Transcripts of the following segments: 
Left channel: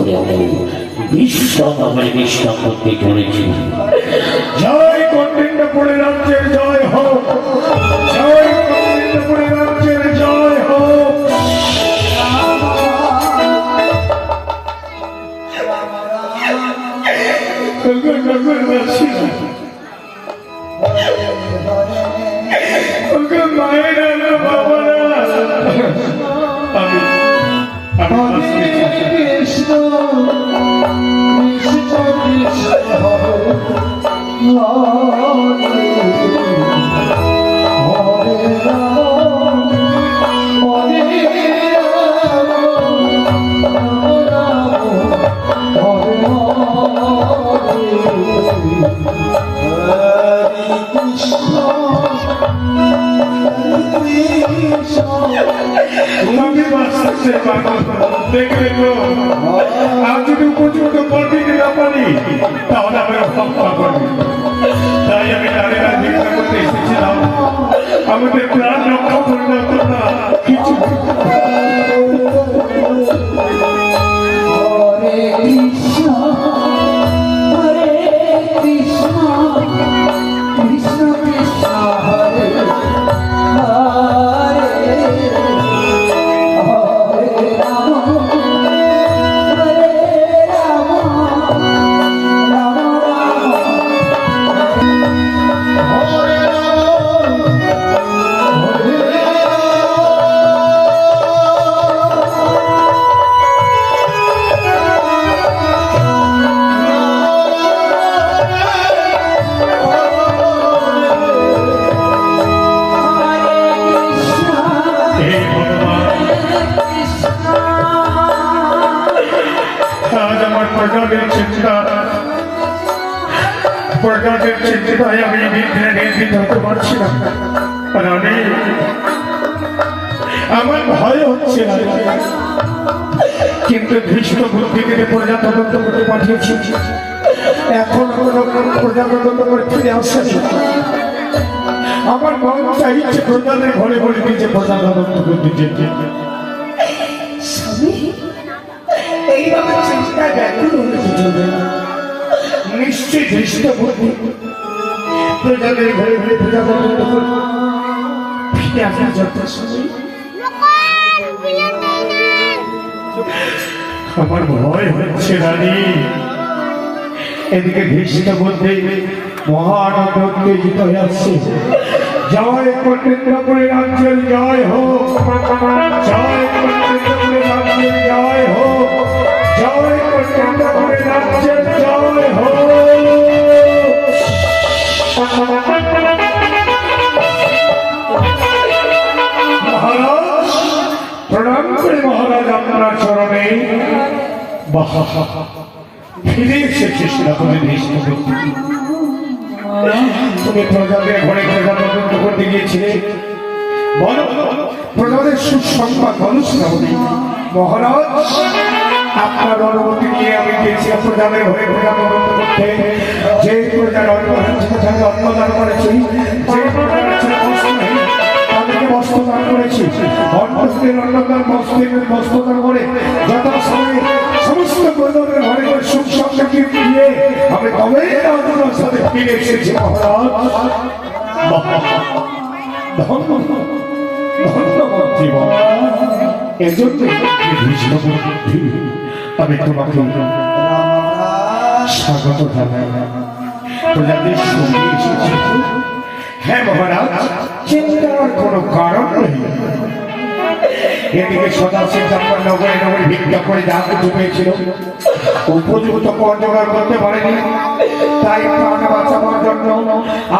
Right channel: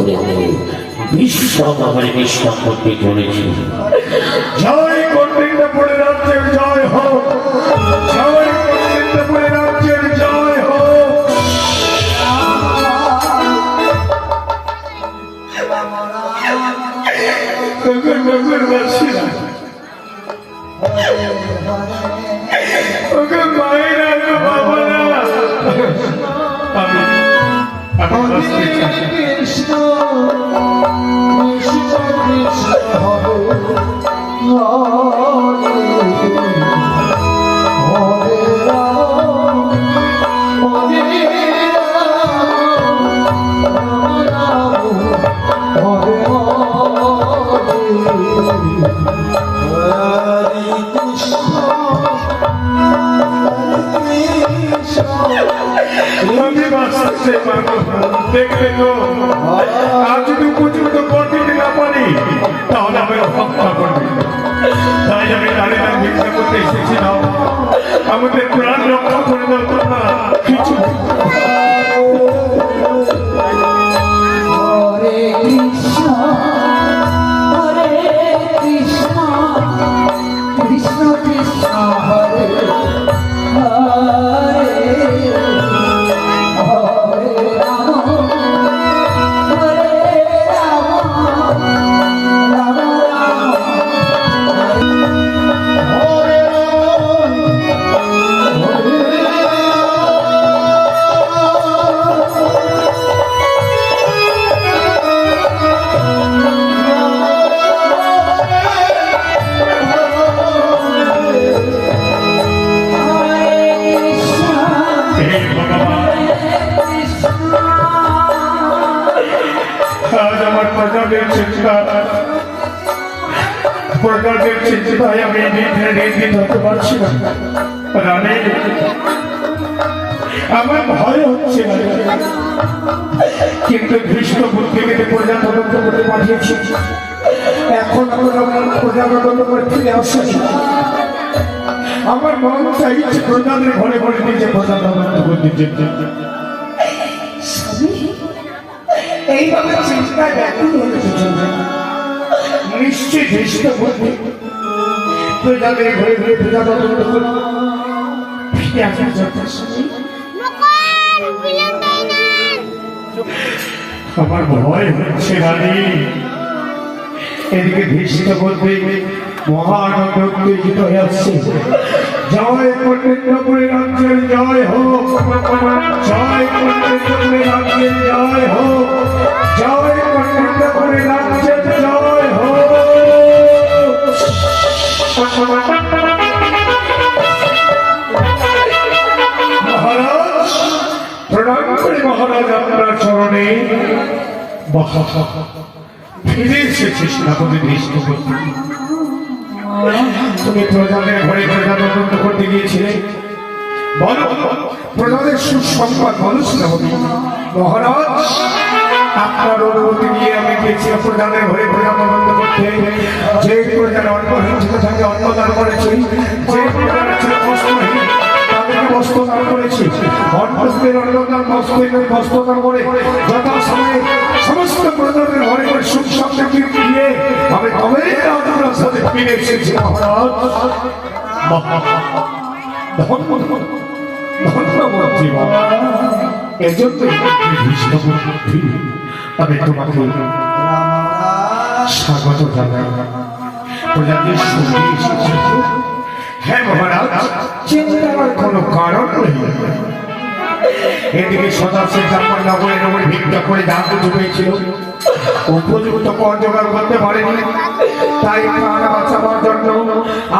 করে আমি বিশ্রাম করতে চলেছি। জয় গোবিন্দপুরে রাজ্যের জয় হোক, জয় গোবিন্দপুরে রাজ্যের জয় হোক। দেখবে গো, আর যদি উপযুক্ত গতিতে না পারি তাহলে আমি হত্যা করবি। তাই আমি নারীরা ভিক্ষা করতে এসেছিলাম, আমাদের প্রাণ রক্ষা করে দেওয়া না কিছু। আমার ভয় হচ্ছে, কিন্তু ধৃষ্ট বুদ্ধিকে প্রজা তদন্ত করতে পাঠিয়েছি। এখন প্রজা তদন্ত করে ফিরে আসছে। আমার মন চাইছে প্রজাদের ঘরে ঘরে নিজে প্রজা তদন্ত করতে যেতে। এইভাবে চিন্তা ব্যাকুল হতে চলবে না। নিশ্চয়ই ধৃষ্ট বুদ্ধি প্রজাদের ঘরে ঘরে প্রজা তদন্ত করবে। আমার ভয় হচ্ছে রানী। এদিকে ধৃষ্ট বুদ্ধি মহানন্দ উত্তেজিত হয়ে আসছে। জয় গোবিন্দপুরে রাজ্যের জয় হোক, জয় গোবিন্দপুরে রাজ্যের জয় হোক, জয় গোবিন্দপুরে রাজ্যের জয় হোক। মহারাজ প্রণাম করি মহারাজ, আপনার চরণে। ফিরে এসেছিস না বলে দৃষ্ট করতে। তুমি প্রজাদের ঘরে প্রজা তদন্ত করতে গিয়েছিলে, বলো প্রজাদের সুসংবাদ বলো শ্রাবণী। মহারাজ আপনার অনুমতি নিয়ে আমি গিয়েছিলাম প্রজাদের ঘরে প্রজা তদন্ত করতে। যে প্রজার অন্নহিংসিত সঙ্গে অন্নদান করেছি, যে প্রজার বস্ত্রদান করেছি, অন্নদের অন্নদান বস্ত্রদান করে যথাসময়ে সমস্ত প্রজাদের ঘরে ঘরে সুখ সমৃদ্ধি দিয়ে আমি কবে আপনার সাথে ফিরে এসেছি। মহারাজ ধন্যবাদ। এজন্য আমি তোমাকে স্বাগত জানাই। প্রজাদের সঙ্গে এসেছি। হ্যাঁ মহারাজ, চিন্তার কোনো কারণ নেই। এদিকে সদাশিব ব্রাহ্মণ নগরে নগরে ভিক্ষা করে যাকে ঢুকেছিল, উপযুক্ত কর জোগাড় করতে পারেনি। তাই প্রাণ বাঁচাবার জন্য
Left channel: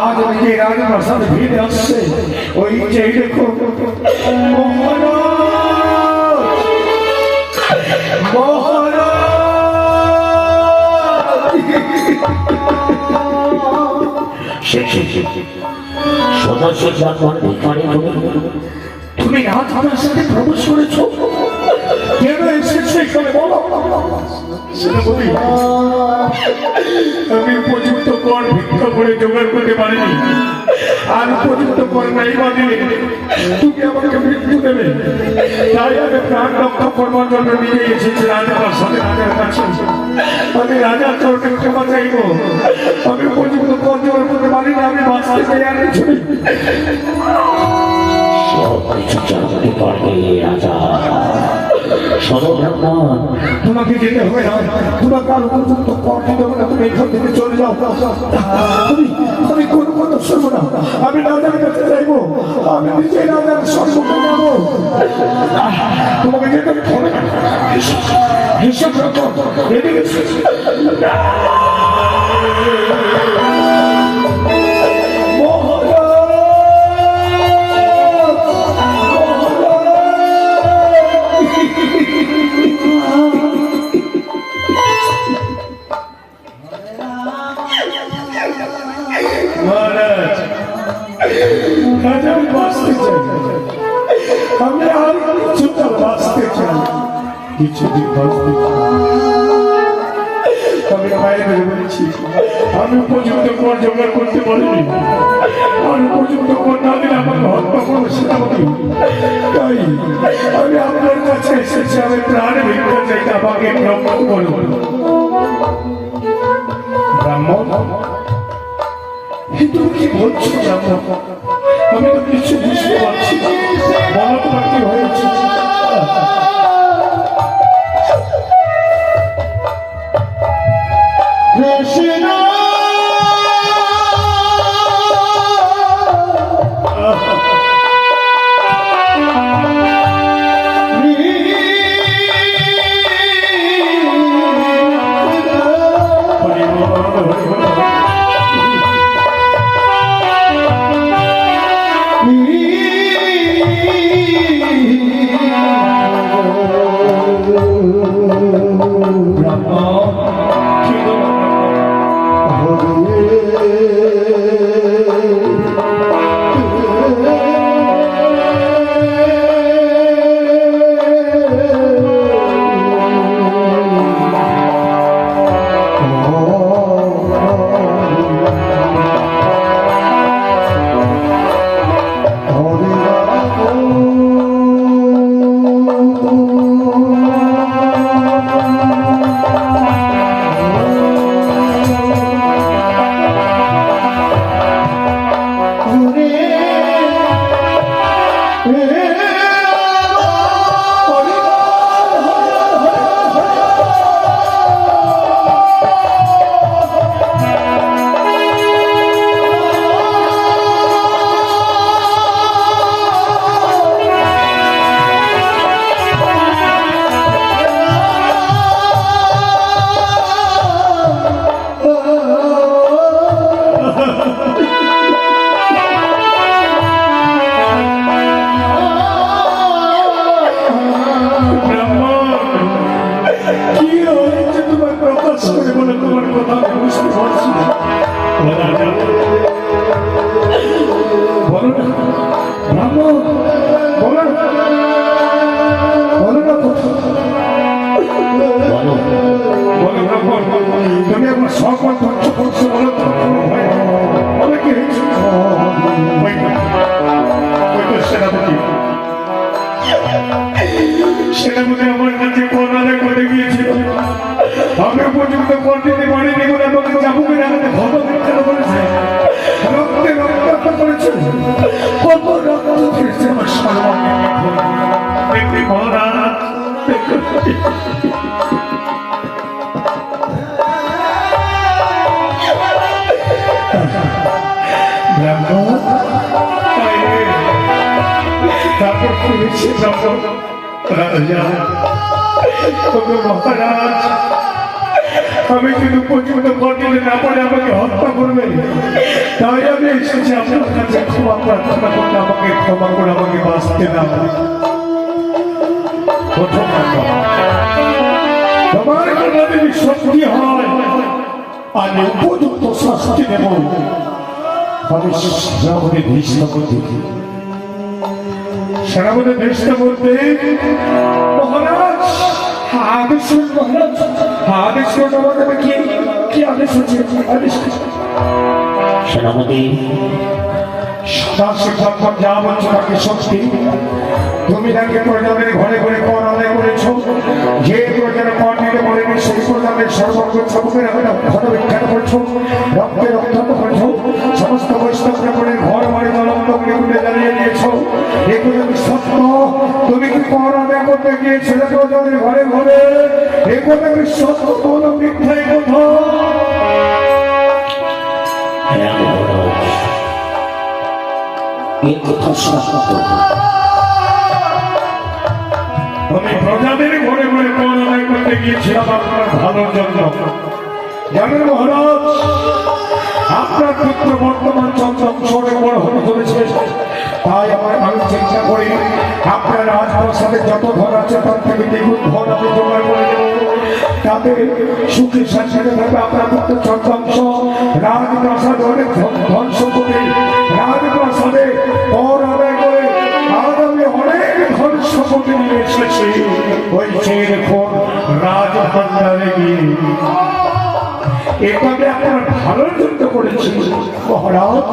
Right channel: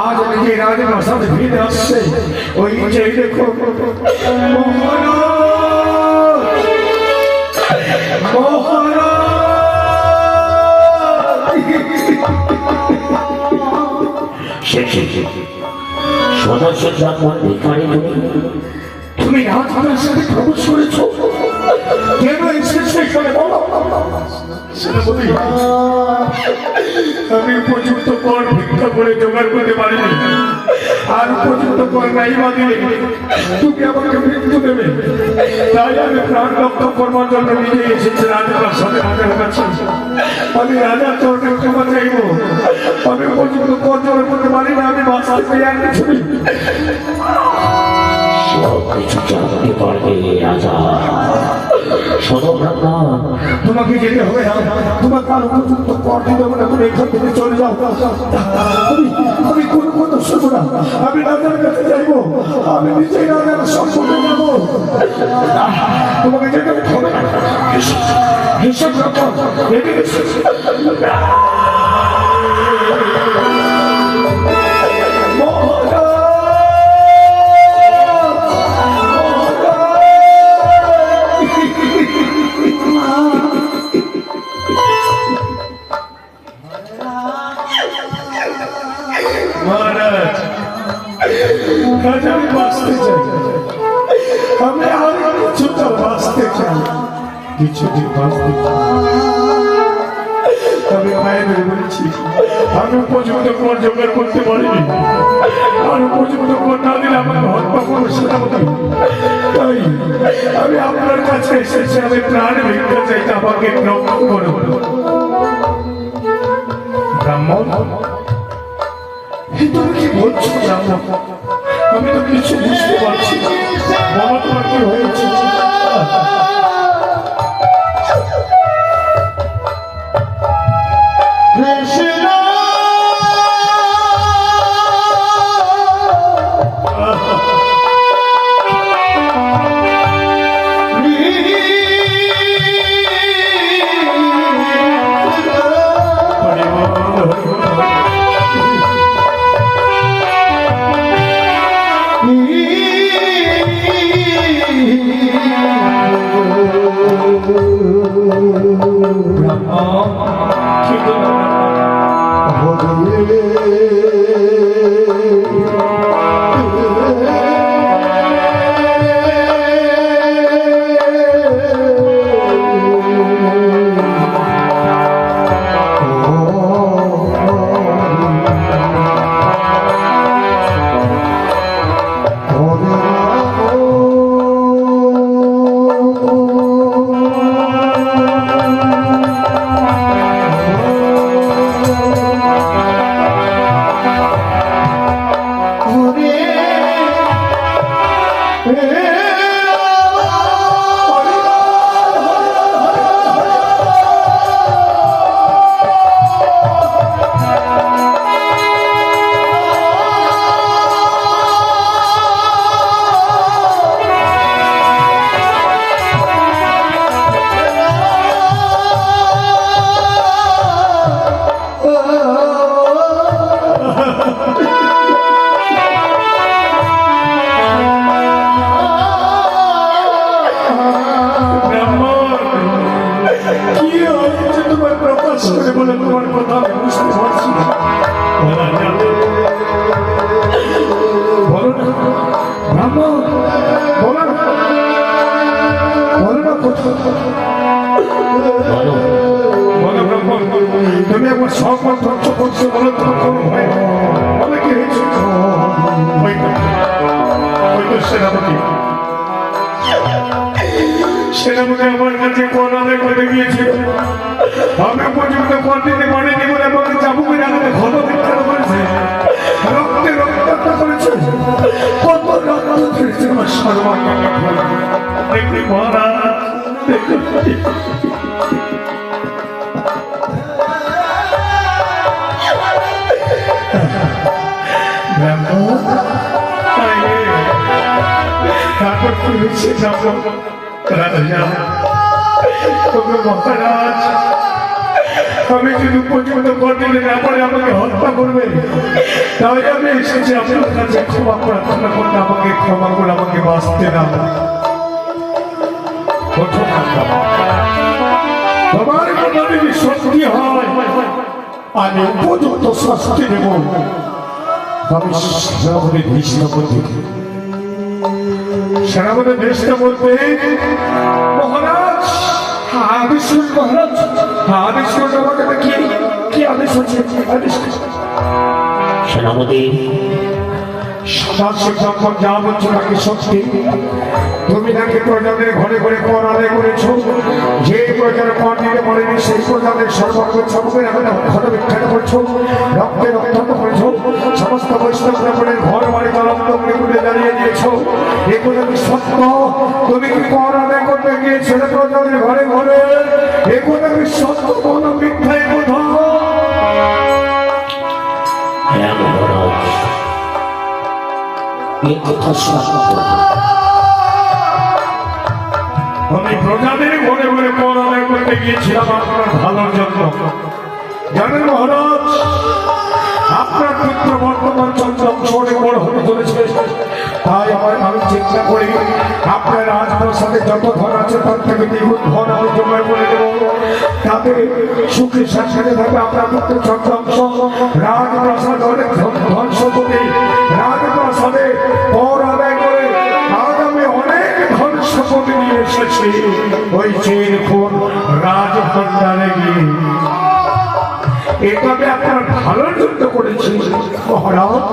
আজ ওই রাজপ্রাসাদ ভিড়ে আসছে। ওই যে দেখো তুমি রাজপ্রাসাদে প্রবেশ করেছ, কেন এসেছো এখানে বলো। আমি উপযুক্ত কর ভিক্ষা করে জোগাড় করতে পারিনি। আর উপযুক্ত করে নাই বা দিলে তুমি আমাকে মৃত্যু দেবে। তাই আমি প্রাণ রক্ষা করবার জন্য নিয়ে এসেছি রাজপ্রাসাদের কাছে। আমি রাজার চরণে ক্ষমা চাইব। আমি উপযুক্ত কর্জনের করতে পারি না, আমি বাঁচতে চাই আর কিছু নেই। সব কিছু জানতে পারবে রাজা। শোনো ব্রাহ্মণ, তোমাকে যেতে হবে না, তোমার কার উপযুক্ত কর দিতে হবে না, তুমি এখান থেকে চলে যাও। আমি কোনো শুনবো না, আমি রাজার কাছে যাইবো, আমি নিজেই রাজার সম্মুখে যাবো। তোমাকে যেতে হবে না, হিসাব রাখো, রেডি এসো। মহারাজ, রাজা আমি বাঁচতে চাই, আমি আর কিছুটা বাঁচতে চাই, কিছুদিন বাঁচতে চাই। আমি মায়ের বলছি, আমি উপযুক্ত কর জোগাড় করতে পারিনি, আর উপযুক্ত কর না দিলে আমাকে হত্যা করো সেটাকে। তাই আমি আপনার কাছে এসেছি, আমি প্রাণ ভিক্ষা চাই, আমাকে রক্ষা করো। ব্রাহ্মণ, তুমি কি বলছো জানো? আমি তো কিছু বুঝতে পারছি না, মহাত্মা কি হয়েছে? তুমি আমার সকল ধ্বংস করছো, বলো তোমার কোনো ভয় বলে কি হয়েছে? সেনাপতি সেনাপতি আমার কাছে করোনা করে গিয়েছিল, আমি পর্যন্ত কর দিতে পারিনি বলে আমাকে চাবুকের আলোতে ঘন বিখ্যাত করেছে, রক্তে রক্তাক্ত করেছে, কত রক্ত করেছে আমার সর্বাঙ্গ। দেখি মহারাজ, আমি যদি পর্যন্ত দিতে না পারে আমাকে হত্যা করবে, তাই আমি এসেছি আপনার কাছে ক্ষমা প্রার্থনা করতে, আমাকে ক্ষমা করে আমাকে বাঁচতে দাও। তোমার যদি শক্তি হয় আমি উপযুক্ত শাস্তি নেব। আমি সেনাপতি ভীষ্ম বলতে সেনাপতি ভীষ্ম বলতে মহারাজ আদেশ মহারাজ আদেশ করতে কি আদেশ হচ্ছে? আদেশ সেনাপতি সদাশিবঙ্কর যা বলছো তাকে সত্যি। তুমি নাকি প্রজাদের ঘরে ঘরে কর আদায় করেছ, যে প্রজার কর দিতে বলেনি সেই প্রজাদের সর্বকে বিখ্যাত করেছ, রক্তে রক্তাক্ত করেছ, সমস্ত বৈষ্ণবরা বলে ঘর বাড়ি দলঙ্গ করে তুলে দাঁড়িয়ে দিয়েছ। এগুলো কি সত্য? তুমি কি কর আদায় করতে গিয়েছিলে প্রজাদের ঘরে ঘরে? এগুলো কি সত্য? কোনো মিথ্যা কথা? হ্যাঁ মহারাজ, এ কথা সত্য। আমি প্রজাদের ঘরে ঘরে কর আদায় করতে গিয়েছিলাম আপনার ভালোর জন্য। জানেন মহারাজ, আপনার পুত্র বর্তমান চন্দ্রাংশে বড় হতে চলেছে, তাই আমি চিন্তা করি আপনার রাজপ্রাসাদে যত ধন আছে তার থেকে দ্বিগুণ ধন আমি জোগাড় করে দেব। তাতে সুখে শান্তিতে থাকবে আপনার পুত্র চন্দ্রাংশ। রাজপ্রাসাদ অনেক ধ্বংস করে রাজপ্রাসাদে কর আদায় করে আগামী অনেক ধন সম্পত্তি নিয়ে এসেছি। ওই চেয়ে ফোন রাজভান্ডারে গিয়ে এভাবে আপনার ভালোর জন্য করেছি মহারাজ।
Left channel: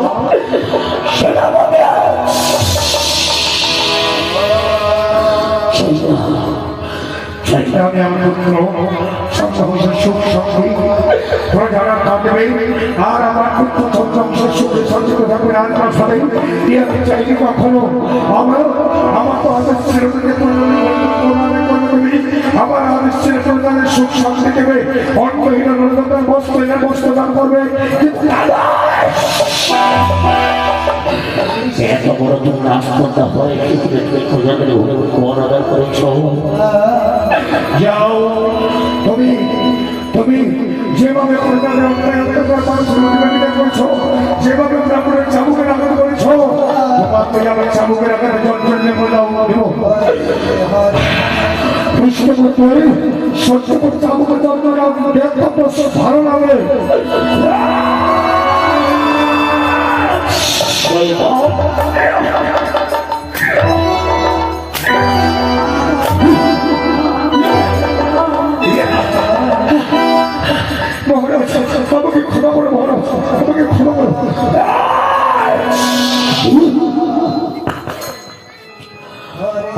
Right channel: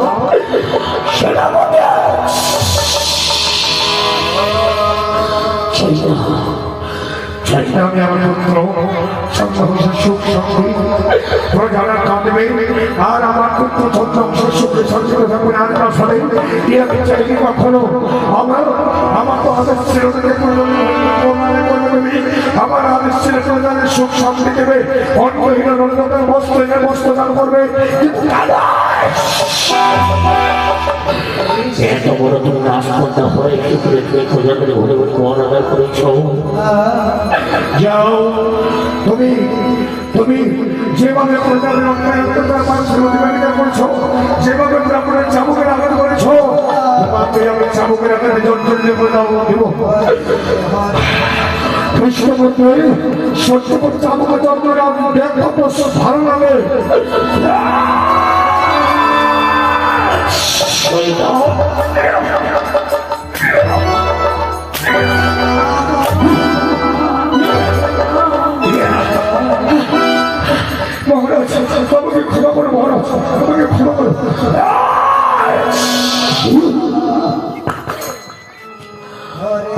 আমি আমার পুত্র সুখ শান্তি প্রজারা কাঁদবে, আর আমার পুত্র চন্দ্রাংশ সুখে শান্তিতে থাকবে রাজপ্রাসাদে। ইয়াকে চাইনি কখনো আমরা আমাকে আদেশ ছিল আমার আদেশ ছিল প্রজাদের সুখ শান্তি দেবে, অন্যহীন বস্ত্র দান করবে। এত বড় তুমি রাজকন্যা হয়ে তুমি প্রজাদের ঘরে কর আদায় করেছ। যাও, তুমি যেভাবে প্রজাদের অত্যাচার করেছ, যেভাবে ব্রাহ্মণের চাবুকের আঘাত করেছ, চাবুকের আঘাতে জর্জর সত্য চাবুকের জর্জর ভালো লাগে। মহারাজ আমাকে ক্ষমা করো, মহারাজ আমাকে ক্ষমা করো।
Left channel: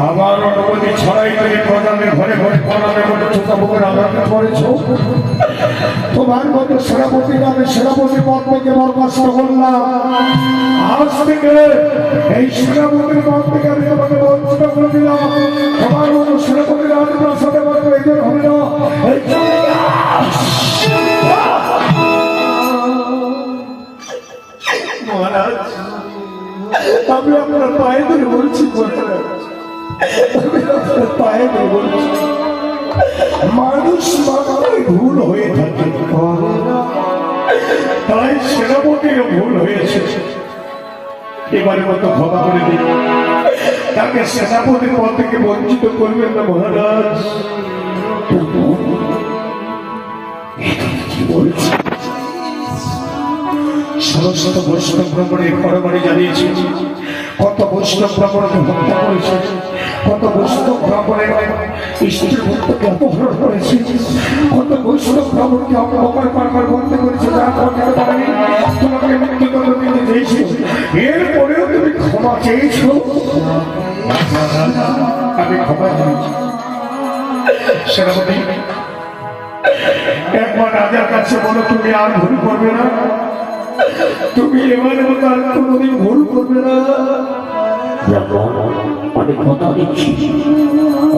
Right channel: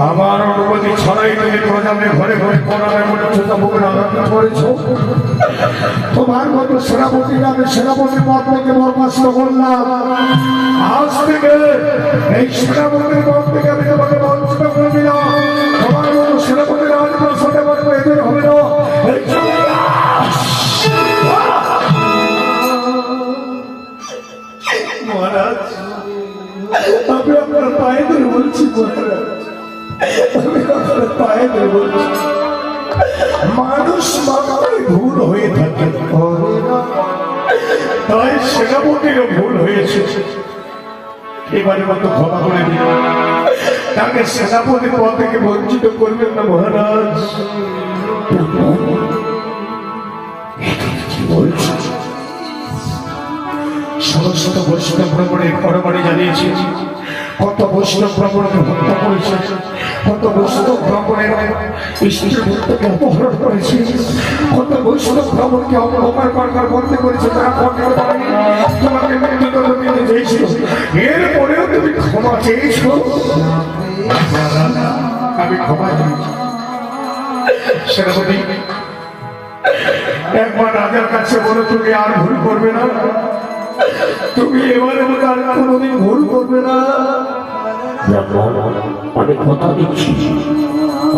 আমার অনুমতি ছড়াই তুমি প্রজাদের ঘরে ঘরে করালে করেছ। তোমার মতো সেনাপতি আমি সেনাপতির পদ থেকে বরখাস্ত করলাম। আজ থেকে এই সেনাপতির পদ থেকে আমি তোমাকে বঞ্চিত করে দিলাম। তোমার মতো সেনাপতি রাজপ্রাসাদে এদের হবে না। মহারাজ আমি আপনার পায়ে ধরে বলছি, পায়ে ধরে বলছি, মানুষ মাত্রই ভুল হয়ে থাকে, তাই সেনাপতিরও ভুল হয়েছে। এবারের মতো ক্ষমা করে দিন, তাকে সেনাপতির পদ থেকে বঞ্চিত করবেন না মহারাজ। কি বলছি? সমস্ত বৈষ্ণব ভ্রমণের পরমাণি জানিয়েছি, কত বৈষ্ণব ভ্রমণকে হত্যা করেছে, কত বৈষ্ণব ভ্রমণের স্ত্রী ভক্তকে অপহরণ করেছে, কত বৈষ্ণব ভ্রমণকে অপমান বন্ধ করেছে, তারা করতে পারেনি, তোমাকে মৃত্যুদণ্ড দিতে চেয়েছিল, এরপরেও তুমি ক্ষমা চেয়েছ। আমি ক্ষমা চেয়েছি সেনাপতি। একবার রাজার কাছে বলো তুমি আর ভুল করবে না, তুমি এবারে আর কোনোদিন ভুল করবে না। আমি কথা দিচ্ছি,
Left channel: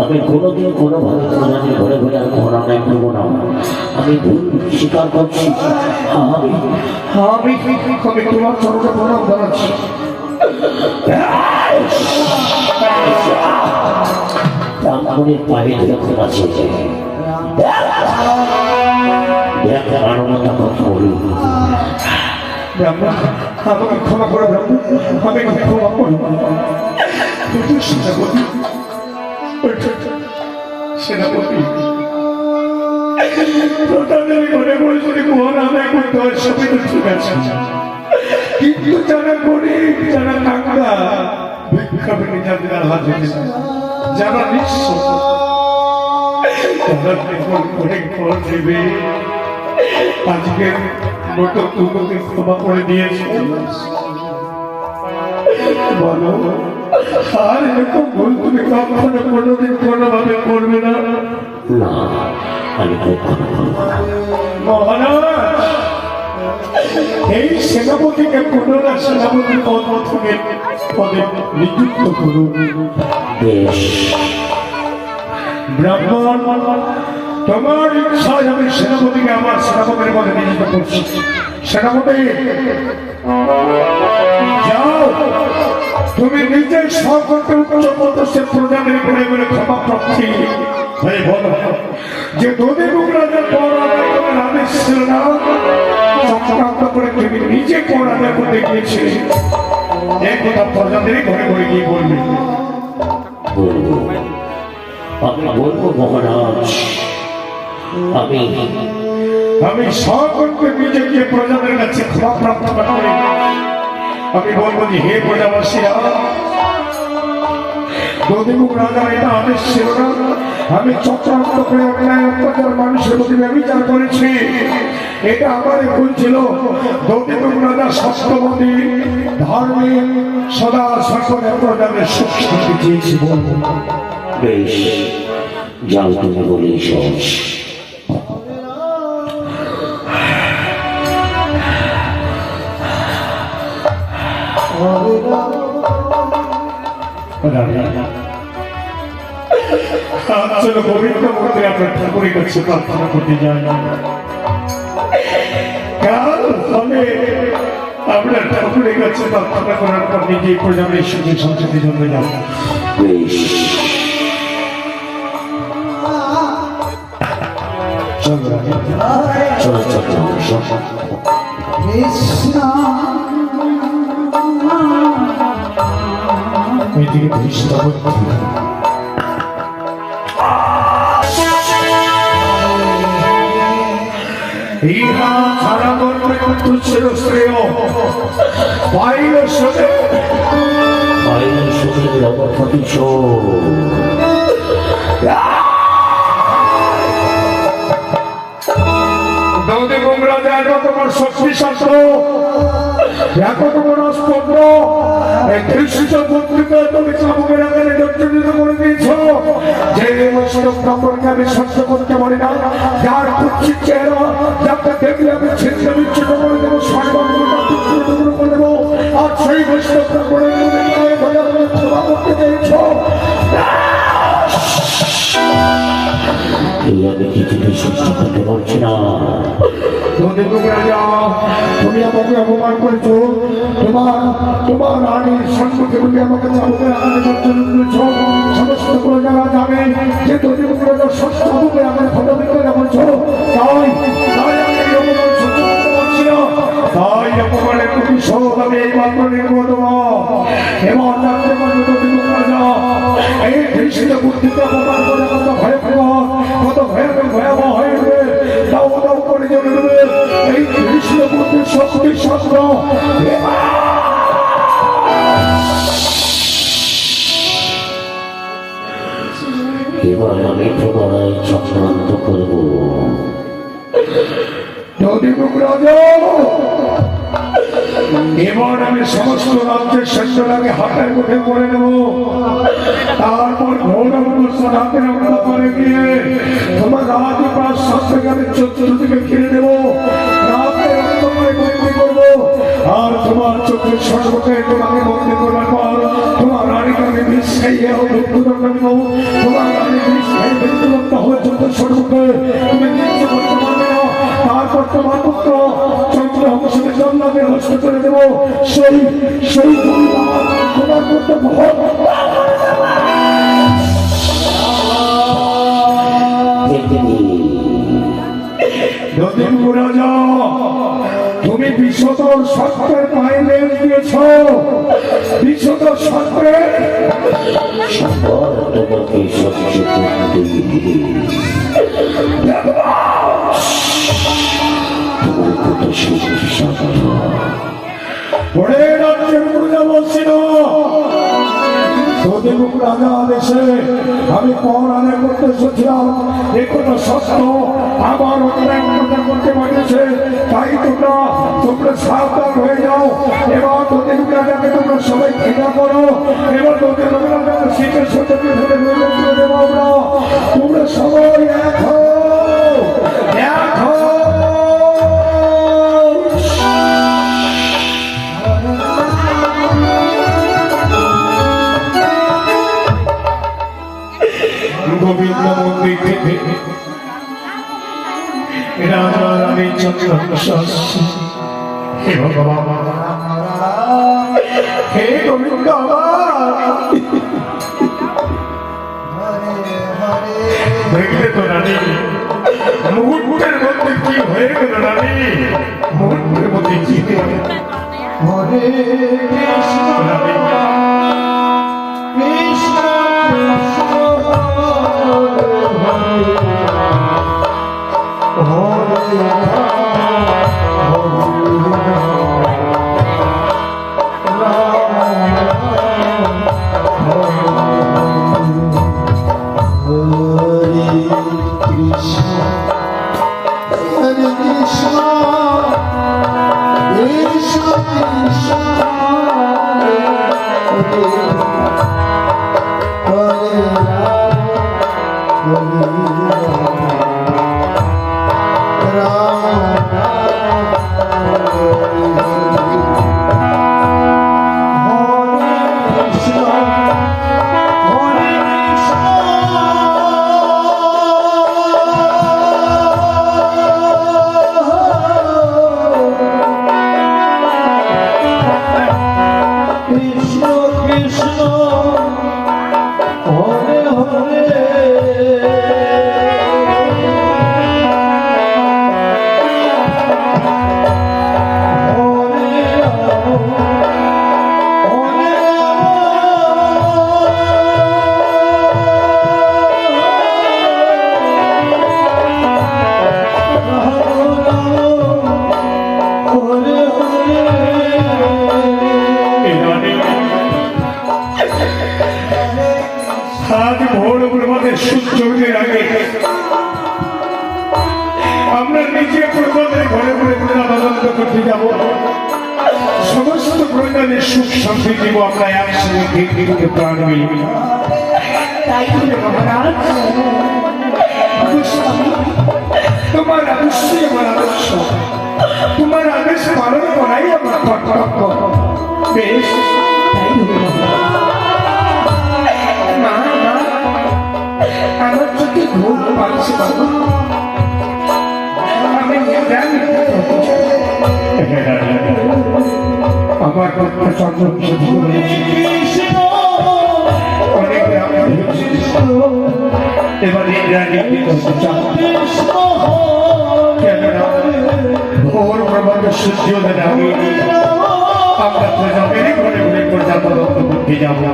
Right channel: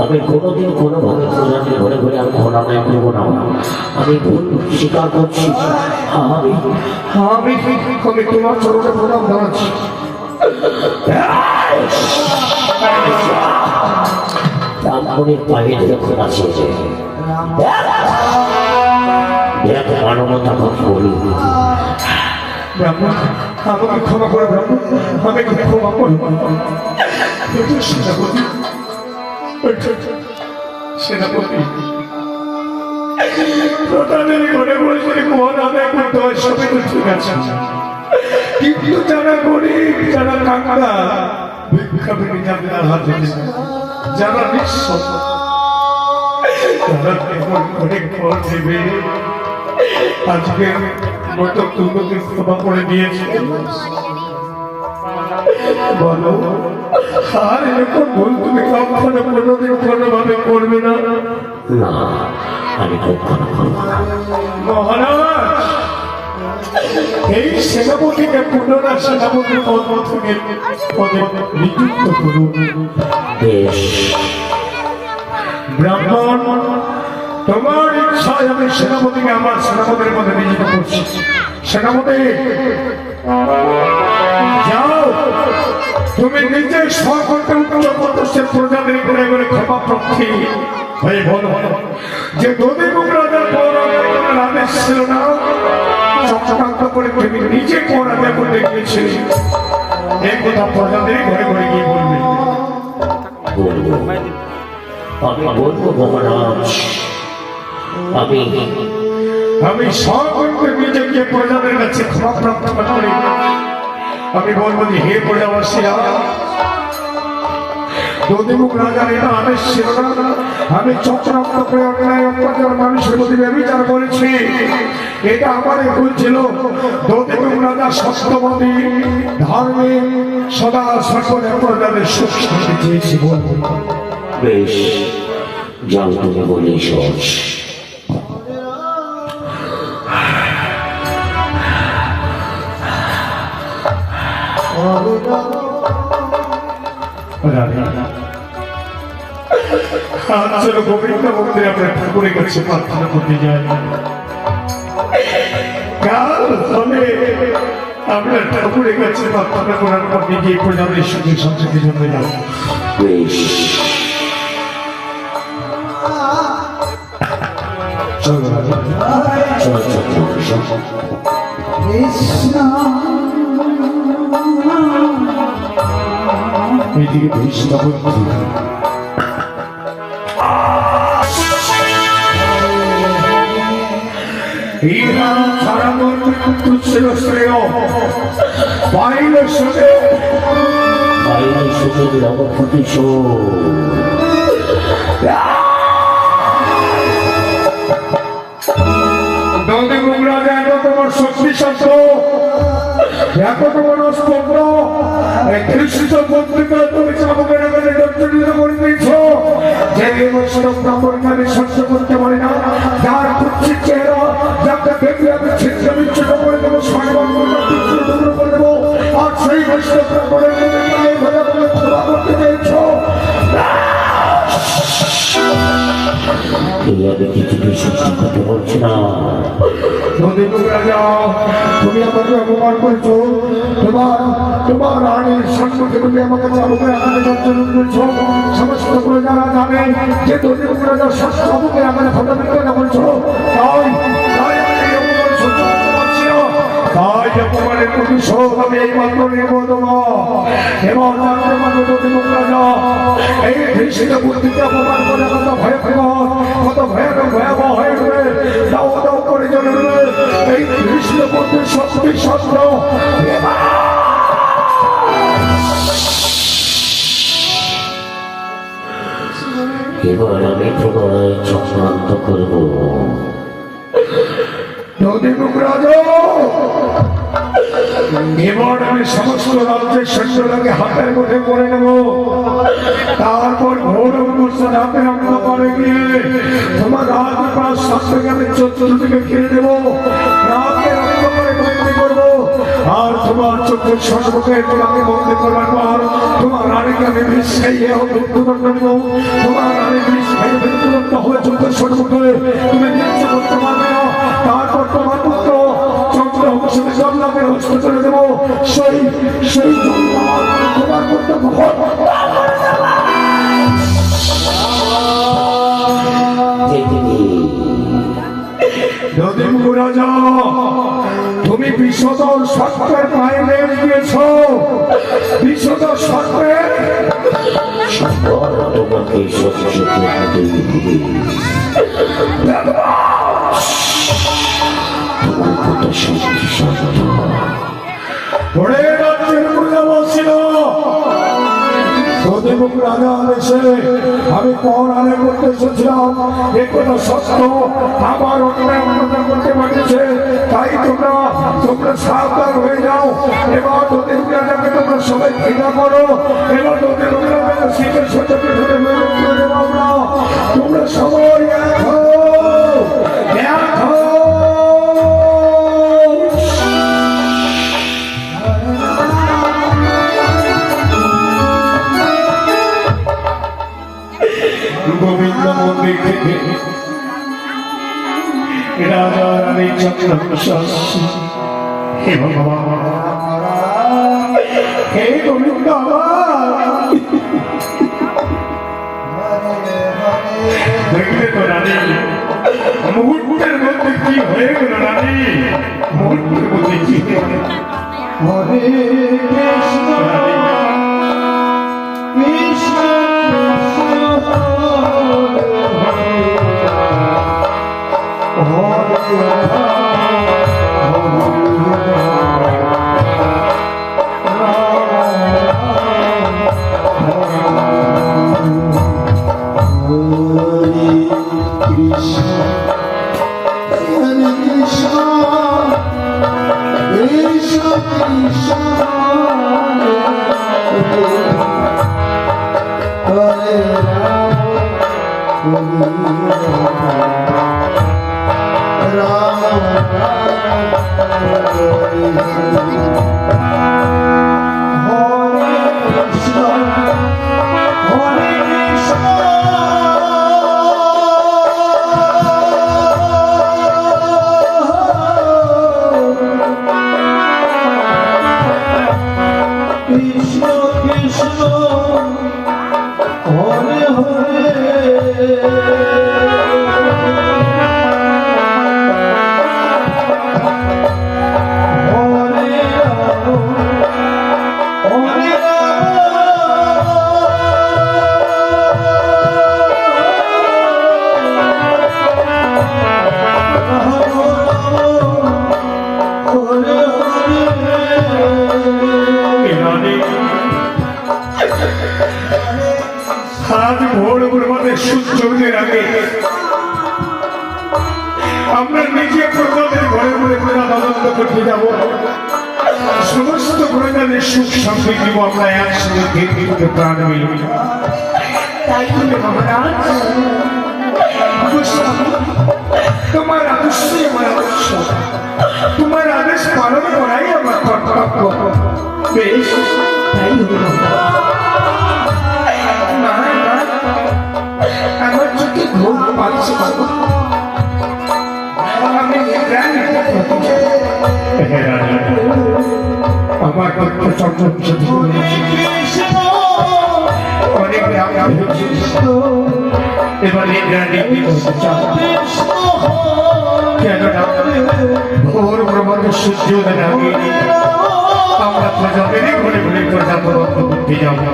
আমি কোনোদিন কোনোভাবে প্রজাদের ঘরে ঘরে আমি ঘর আদায় করবো না। আমি ভুল স্বীকার করছি। আমি তোমার চোখে প্রণাম জানাচ্ছি। ব্রাহ্মণের পায়ে দেখতে পাচ্ছি যে দেখ মানবতা খোঁজ করি। ব্রাহ্মণ আমাকে ক্ষমা করে, ব্রাহ্মণ আমাকে ক্ষমা করো। সেনাপতি প্রতাদের ঘরে বসে ঘর আদায় করতে হয়, সবই তো ঠিক আছে, কিন্তু যারা গরিব, যারা কাঙ্গাল, ভিক্ষা পেতে যাদের আহ্লাদ যারা নিঃস্ব, যারা কেবল করে ঘর দেবে, আজকের মতো তোমাকে ক্ষমা করে দিয়েছে। বলো আর এরকম ভুল তুমি কখনো কোনোদিন কোনোভাবে করবে না। না, আমি কখনো করব না। মহারাজ, এই সেনাপতিকে পুনরায় সেনাপতি পদ থেকে পদে নিযুক্ত করুন। বেশ, ব্রাহ্মণ, তোমার ইচ্ছায় আমি সেনাপতিকে আমার সেনাপতির পদে নিযুক্ত করছি। সেনাপতি, যাও, তুমি নিজের সর্বত্র প্রজাদের ঘুরে ঘুরে ক্ষমা প্রার্থী হয়ে বলো যে দধিমুখ রাজার পর আমার আদেশ ছিল না, চক্রান্ত করে তুমি নিজে কোন আদেশ করতে গিয়েছিলে, এই কথা প্রজাদের ঘুরে ঘুরে গিয়ে বলবে। বলবো, আমি বলবো মহারাজ। আমি সকলকে নিজে গিয়ে প্রজাদের কাছে ক্ষমা প্রার্থনা করি। আমি বলবো যে হে প্রজাবাসীরা, দধিমুখ রাজার এটা আদেশ ছিল না, আমি চক্রান্ত করে অন্যায় অত্যাচার মানুষের প্রতি ব্যবচার করেছি, এটা আমারই ভুল ছিল। দধিমুখ রাজা সত্যবাদী, ধার্মিক, সদা সকলে প্রজাদের সুখ শান্তি চেয়েছি বলবো। বেশ, যাও, তুমি বলেই সহজ। গোবিন্দ মন্দিরে আমরা ঠাকুরের কাছে প্রার্থনা করতে যাই। কাল হবে আমরা ঠাকুরের কাছে প্রার্থনা করার পর নিজে প্রজাদের সঙ্গে সংসদের জন্য যাব। বেশ, চলো রাজা। চলো চলো। এইদিকে দৃষ্টিটা করতে ইহা ছাড়া করবে তুচ্ছের শ্রেয় বাইরে শোনে বাইরে সুযোগের অবক্ষতি দৌড়ে গোমরা যায় না তোমার শক্তি শব্দ, এত তোমার অস্ত্র দৃষ্টিত পত্রিকা তুমি চাপকের আগে দক্ষিণিত করে দিয়েছ। যে বছর কাপড়কে আমি সহ্য করতে পারি না, যার কুচ্ছিত চেহারা, যাকে দেখলে আমি ছিন্ন বিচ্ছিন্ন করে দেবো, সর্বত্র করে দেবো, আর সেই বৈষ্ণব কাপড়ের ক্ষমা করতে চেয়েছ। তুমি আমাকে অপমান করেছো, তোমার রানীর সম্পর্কে তুমি আমাকে সমস্ত প্রজারা জানে যে দধিমুখ রাজার শাস্ত্র আমাকে আমাকে ফটোমিত্রা বলছো, তাই অপমানের প্রতিশোধ আমি এই মাত্র নেব এবং দধিমুখ রাজা এই দৃষ্টিতে বুদ্ধিতে অপমান করে কত ভয়াবহ হয়ে যাবে, দাও দাও করে জানবে এই কৃষ্ণ বুদ্ধির শক্তি শব্দ। এবার আমি প্রবলায় চক্রান্ত করব। দধিমুখ রাজা, এবার আমি সমস্ত রাজ্যের সৈন্যরাকে হাতের মুঠে করে নেব, তারপর ঘোর অবস্থান হাতে রক্ষা করে গিয়ে তোমার রাতে প্রায় সাতটাকে আমি চতুর্দিকে ঘিরে দেবো, রাতে রক্ষা করে বন্দি করবো, আর তোমার চোখের সর্বকে তোমাকে বন্দি করার পর তোমার রানীকে আমি বিষ খাইয়ে মৃত্যুদণ্ড দেব। তোমার রানী বিষ খাইয়ে মৃত্যুদণ্ড হয়ে চোখের সর্বকে তুমি নিশ্চয় করতে পারবে না, তারপর তোমার পুত্র চন্দ্র অবশ্যই জন্মকে নষ্ট করে দেবো। সেই তোমার পুত্র দধিমুখ রাজা, তুমি বিশ্বতর সত্রের বাইরে গিয়েছ, বিশ্বতর সত্রের তোমাকে তোমার কথা শক্তি শব্দ দধিমুখ রাজা আদেশে আমি পর আনে করতে এসেছিলাম, এ কোনো সত্য আমার অন্যায় করতে পারি দিচ্ছে, তাই তোমরা সাবধান হয়ে যাও। এবার তোদের যাতে তোমরা সবাই ঘৃণা করো, এবার তোদের শীতের সাথে তোমরা সবাই এক হও, এক হও। গোবিন্দ মন্দির থেকে রাজা রানী চন্দ্রবংশ হে ভগবান, হে গোবিন্দ, দেখলে তো রানী মুহূর্তের মধ্যে কি হয়ে গেল রানী, মুহূর্তের মধ্যে কি হরে রানী সূর্যোদয়ের আগে আমরা নিজে প্রজাদের ঘরে ঘরে প্রজা তদন্ত করতে যাব, সমস্ত প্রজাদের সুখ শান্তি দিব আমরা একসঙ্গে কিন্তু প্রাণ মিলবে। তাই বলে মহারাজ, তোমার অবশ্যই আমার আবশ্যক, তোমার আদেশ পালন করাই আমার কর্তব্য। বেশ, তাই হলো না না, আমার চোখে ঘুম পাচ্ছে বাবা, আমি জানি আমার চন্দ্র অনেক এবারে রানী করতে চাও কেননা ভোর প্রবন্ধ সূর্যোদয়ের আগে আমরা প্রজাপতি ঘরে ঘরে প্রজা তদন্ত করতে যাবো।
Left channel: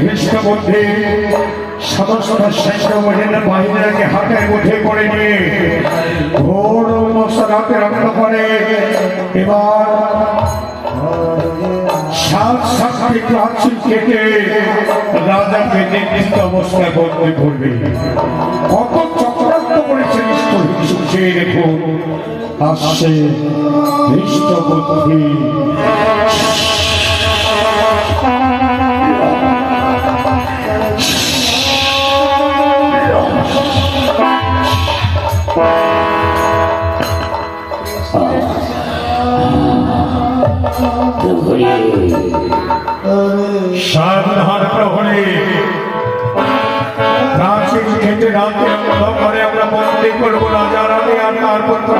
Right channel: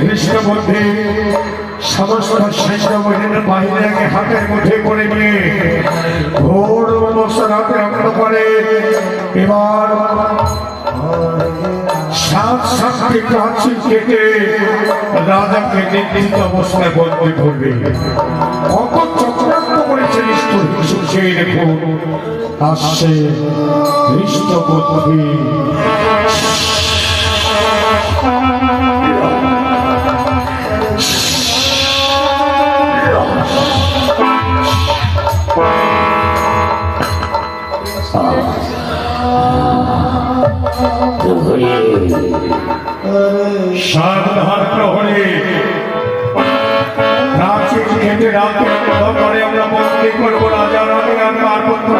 খ্রিস্ট মধ্যে সমস্ত সৈন্য বাহিনীকে হাতে মুঠে করে নিয়ে ঘোর মশলাকে রক্ষা করে। এবার সাত সাতটি প্রাচীর কেটে রাজাকে নির্দিষ্ট অবস্থায় বন্দী করবে। কত চক্রান্ত করেছে সেই দেখুন আসছে খ্রিস্ট বুদ্ধি। সাবধান প্রহরী, রাত্রি খেতে রাত্রে আমরা বন্দী করবো রাজা রানী আর তার পুত্র